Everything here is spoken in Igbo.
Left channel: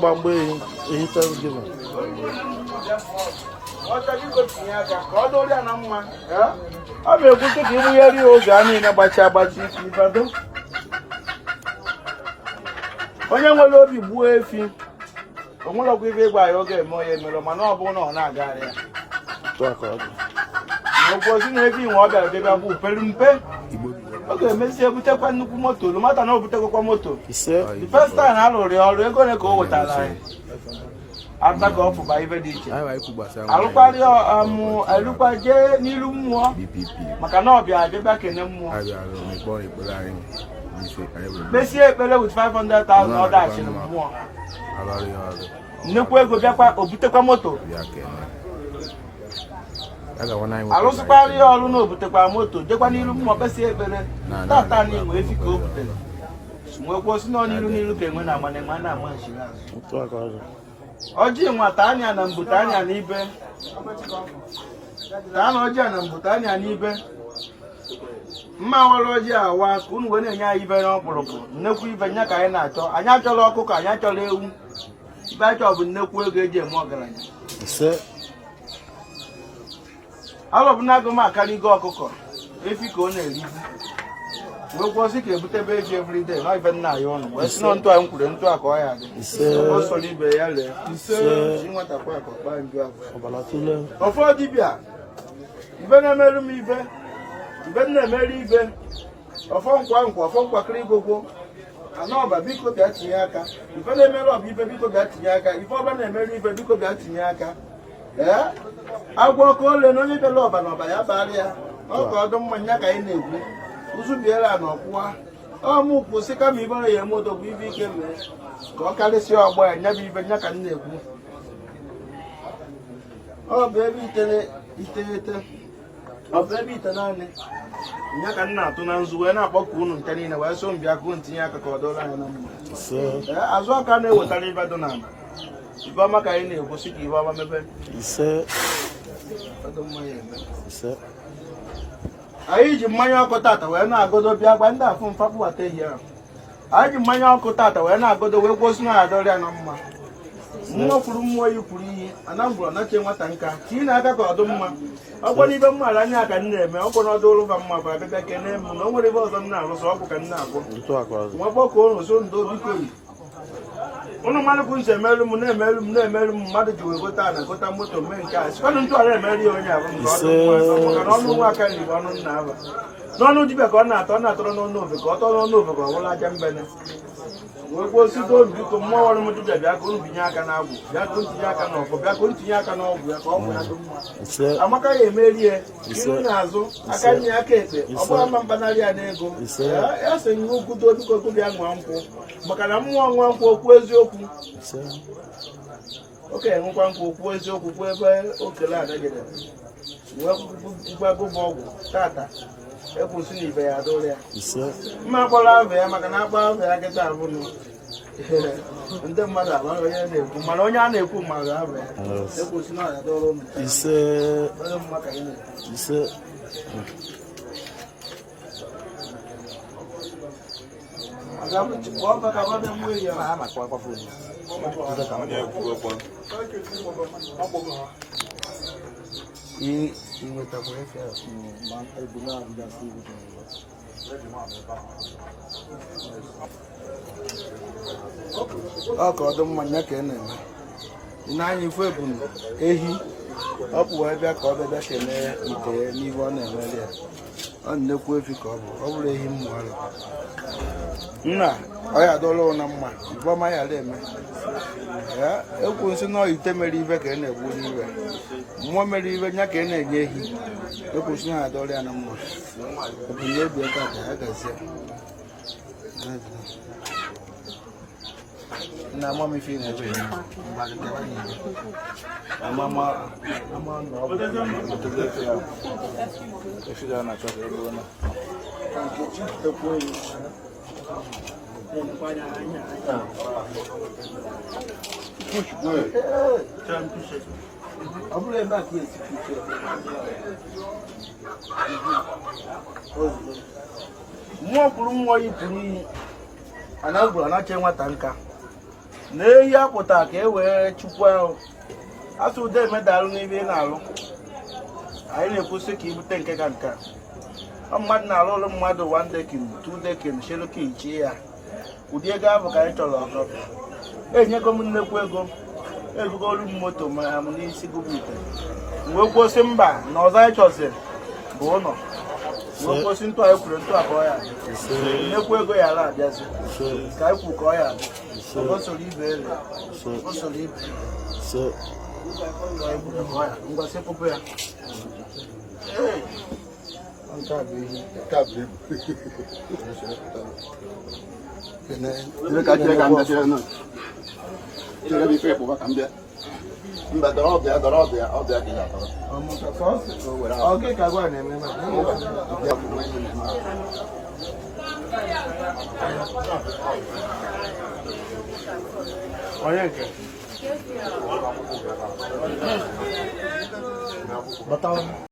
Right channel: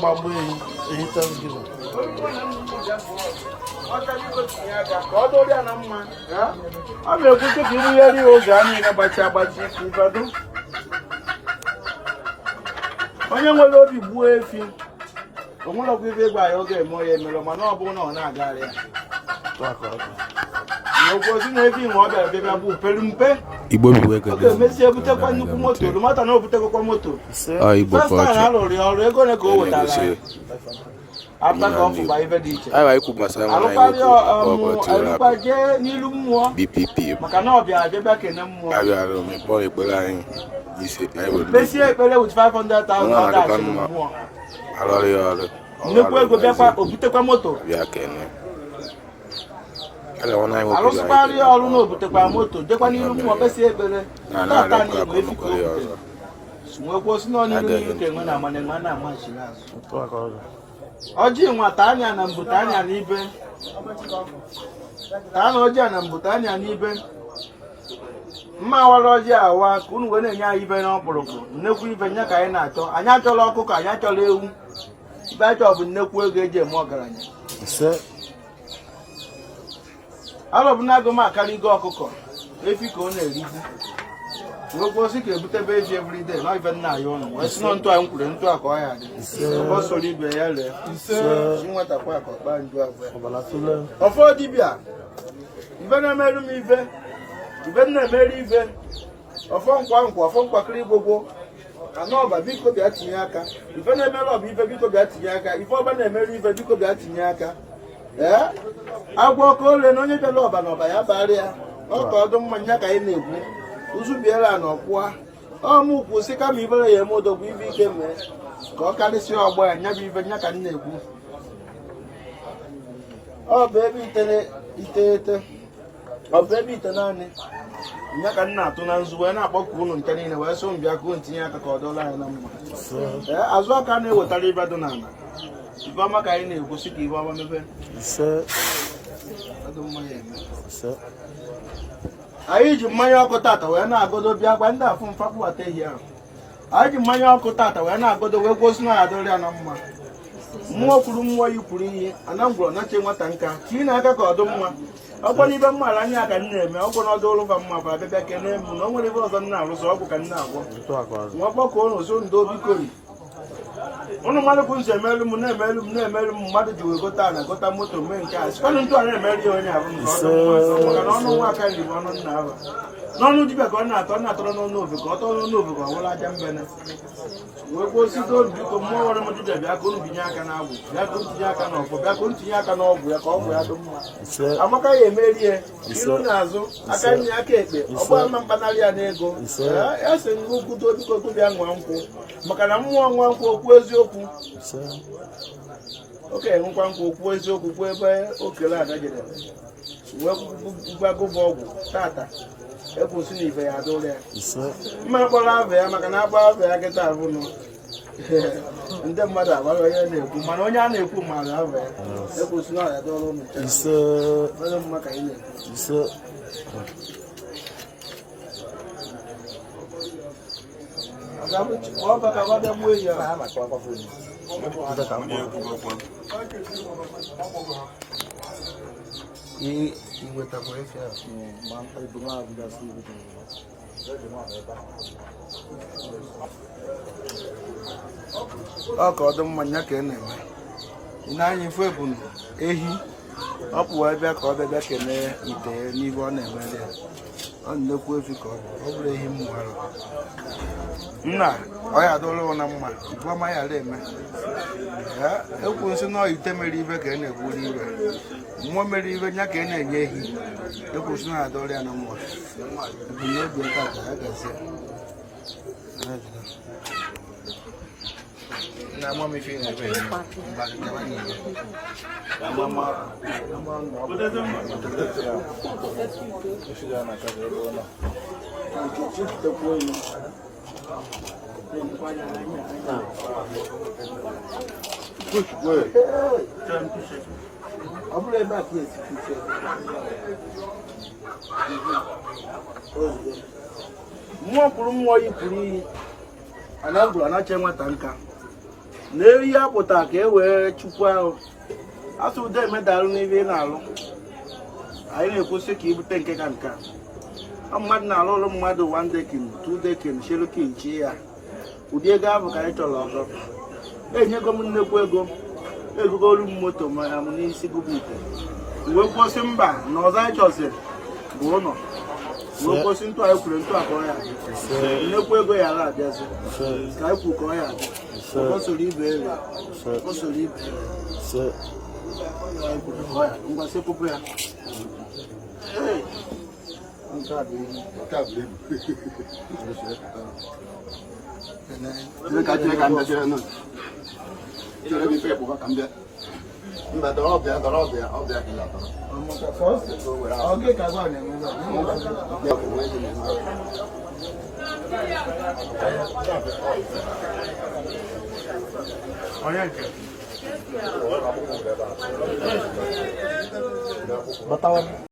Bambu ehi Thanksgiving. I'm going to give you a real Bati. Onye nwere obi gbuo efi onwere ibe gwa ya oge emo ya emere mana ọ bụ na ọ na-agara ya n'ụgwọzi na efi nwe ọ bịara bịa bụ pere mpe Igbo bụ ego ọ ga-emesi ebutekwa nnukwu moto mata na o butekwa moto first time ha lụrụ ya ọrụ ego ole ka o wetara aba ka ọ fụba ibe dị iche alụkwa jee n'ilu mmụọ BPP maka na ọ bịa debe kene mmụọ Besi ekpere with 500,000 ọdachi mmụọ. Nnekwu ego bịakwa obutekwa moto. Alụsịkwarị ọrụ na obutekwa moto dekwa n'iru mmụọ besi ekpere tata na igwe efi ka o butere. Nwekwa osi na n'iru ka enwe na amane nwa na ama nchiri azụ. Ọjị nwata anya na mbute anya n'ibe. Taa na ọjị na mbute anya n'ibe. Mma wara ọjị awa ka unu wee na-enye anyị ibe n'ọkpụrụkpụ nnekwu ibe nya ka anyị na-achọ anyị achọrọ ọkụkọ anyị achọrọ ewu ibe achọ bụ nnekwu ego eji eme ọgaranya alọbụnago m akarịgo ọkụkọ efi ka ọ na-erizi nwekwa osi ka ebutebe efi everyday na ibe nna ya ụlọ wee si na ntụ a m kwuru ntụ a ka ọ ya dị o soro ibe ya lee nwetakwa akọkpa nju abụọ ọfọ dibịa ibe na-emerụ m ibe ibe na-emeri ibe ọfọ nkwakịrị gbogbo anọba biko bịa tinye aka ife na-emere ọba ibe biko bịa tinye aka ife ọba na-emere ibe biko bịa tinye aka agwọ ọkụ ole na onye bịara ọba n'ọba ya bara ya ọka ọdụ mmanya ka anyị na-ekwu ụzụ biela na ọkwụwa ọmụ kwụsị kama ibere ya emodogwu ibe ike mee ka ọ karịsịa ọgba ya nya bụ ibe nya ka m na-ekwu ọ bụ ebe iteghete ọ bụ ebe ite naanị nya ka m na-atụ na nzu wee na-akpọkụ unu nte niile wee so mbịa kụọ ntinye aka ka ọ dọla anyị na mma azụ aka na-ewetara ibe dị n'ala ibe ọma ka anyị na-ekwusi ka ibe ọma mebe anyị ji mmanya ọkụ tata wee na-agodo bịa gwa ndị afụ mfakpụwata ehi ahụ anyị ji mmanya ọkụ tata wee na-agodo wee kwosi na adọrịa na mma mmụọ kwuru mmụọ yi kwuru ihe anambụrụ nache nwata nka chi na-aka ka ọdụ mma ọgbọ n'ibe mmaala anya ka m na-eme ọgbọ n'ọdụ ụlụba mma bụ abịabịa kene m na o nwere ibe ọzọ m na-arụsọ ọ bụ ka m na-agwọ nwa gbọkọ ụnụ so ndo bikori ụnụ mmadụ bụ nso emerụ m na-emerụ m mmadụ ji wee gota na gota moto mee nke a sikwanụ ntụ ọrụ emerụ ya onye ahụ maka na ọnụ nwa aka nri bụ ọnụ nna ahụ n'ọnụ dibịa ka ọ na-atọrọ n'ọnụ ofe ka ọ tọrọ n'ọnụ ofe ka ọ bụrụ aja mbene wee kwuo osigo biko mmụọ nwere m dibịa bịa ka unu binye aka n'agwụ bịa ka ntinye aka n'ọfọ bịa ka ntinye aka n'ọgwụ ya ka ọgwụ ya dị mma amaka ya emeri ya iru n'azụ aka nye aka ekpe ọgba ama mkpanarị ya n'ego ese n'ugwu biko bịa nwa nkwụ maka na mmụọ nwa nkwụ okwu eziokwu okenye nwekwa nkwụ okwu eziokwu kwuo ebe okele adagide wee gbagụba ọgwụ tata ekwusi na ibe ya adụrụ ya mma akpọrọ ava ya maka na akpọ ava ya kịta abụnụ ndị mmadụ amara onye na-ekwu mana onye a na-ekwu mara ava ya ekwusi na ọya dụrụ ụmụ mma ka ị na-ekwu ọ ka ọdụ mmanya ka ị na-eme ị na-anya ifu ebunu ehi ọ pụwa ebe ka ọ bịa kelee ite ya n'ibe ọ na-emere ya ọ nnekwu efi ka ọ bụrụ ehi mmụ arụ nna ọ ya adọla na mma nke ọma ya ala eme ekwu nsị na ite mere ibe ka ị na-egburu ibe mmụọ mere ibe nya ka ị na-enye ehi ekwu nsị na adọla ya na mma ebumnobi ebe a ka ya gazie na mama ife na je ọ bụrụ ebe a ka esi kuche mmụọ kwuru mmụọ yipụrụ iyi anandụ anache nwata nka na-eyi apụta ka e wee chukwu ahụ asụ ụda emedalụ n'ihe ị na-alụ anyị na-ekwusị ka ibute nke ka nke a mmadụ na-alụ ụlụ mmadụ 1 dekin 2 dekin shelukin chi ya ụdị ego ahụ ka anyị chọrọ ọzọ enyego m nnekwu ego egogolu m moto ma ya m n'isi gụbụ ite wee kwụsị mba na ọzọ anyị chọzi bụ ụlọ wee kwụsị ntụ anyị kwure ntụ abụọ ya enyekwu ego ya ara abịazi ka anyị kwu ka ọ ya adị o soro ibe elu o soro ibe ngwa sekpụpụ ya onye nke batawan